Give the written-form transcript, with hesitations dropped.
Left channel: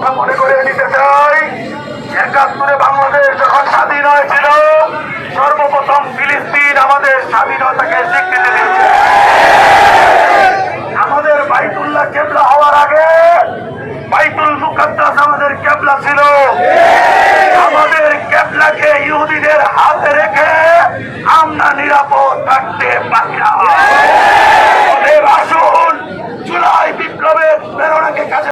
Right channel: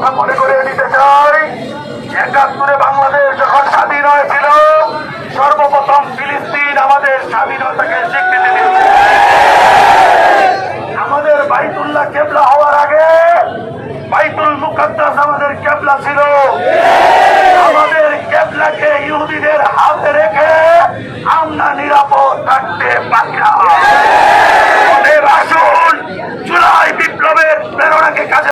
কথা মনে করে নিতে চাই। ৭১ বাংলাদেশ যখন স্বাধীন হয়েছিল, সর্বপ্রথম ফিলিস্তিন আমাদের স্বাধীনতাকে স্বীকৃতি দিয়েছে। আমাদের বাইতুল্লাহ কেবলা হওয়ার আগে বাইতুল মুকাদ্দাস আমাদের কেবলা ছিল। আমাদের কেবলাকে ইহুদিদের হাতে রেখে আমরা নিরাপদ থাকতে পারি না। আসুন জুলাই বিপ্লবের প্রেরণাকে কাজে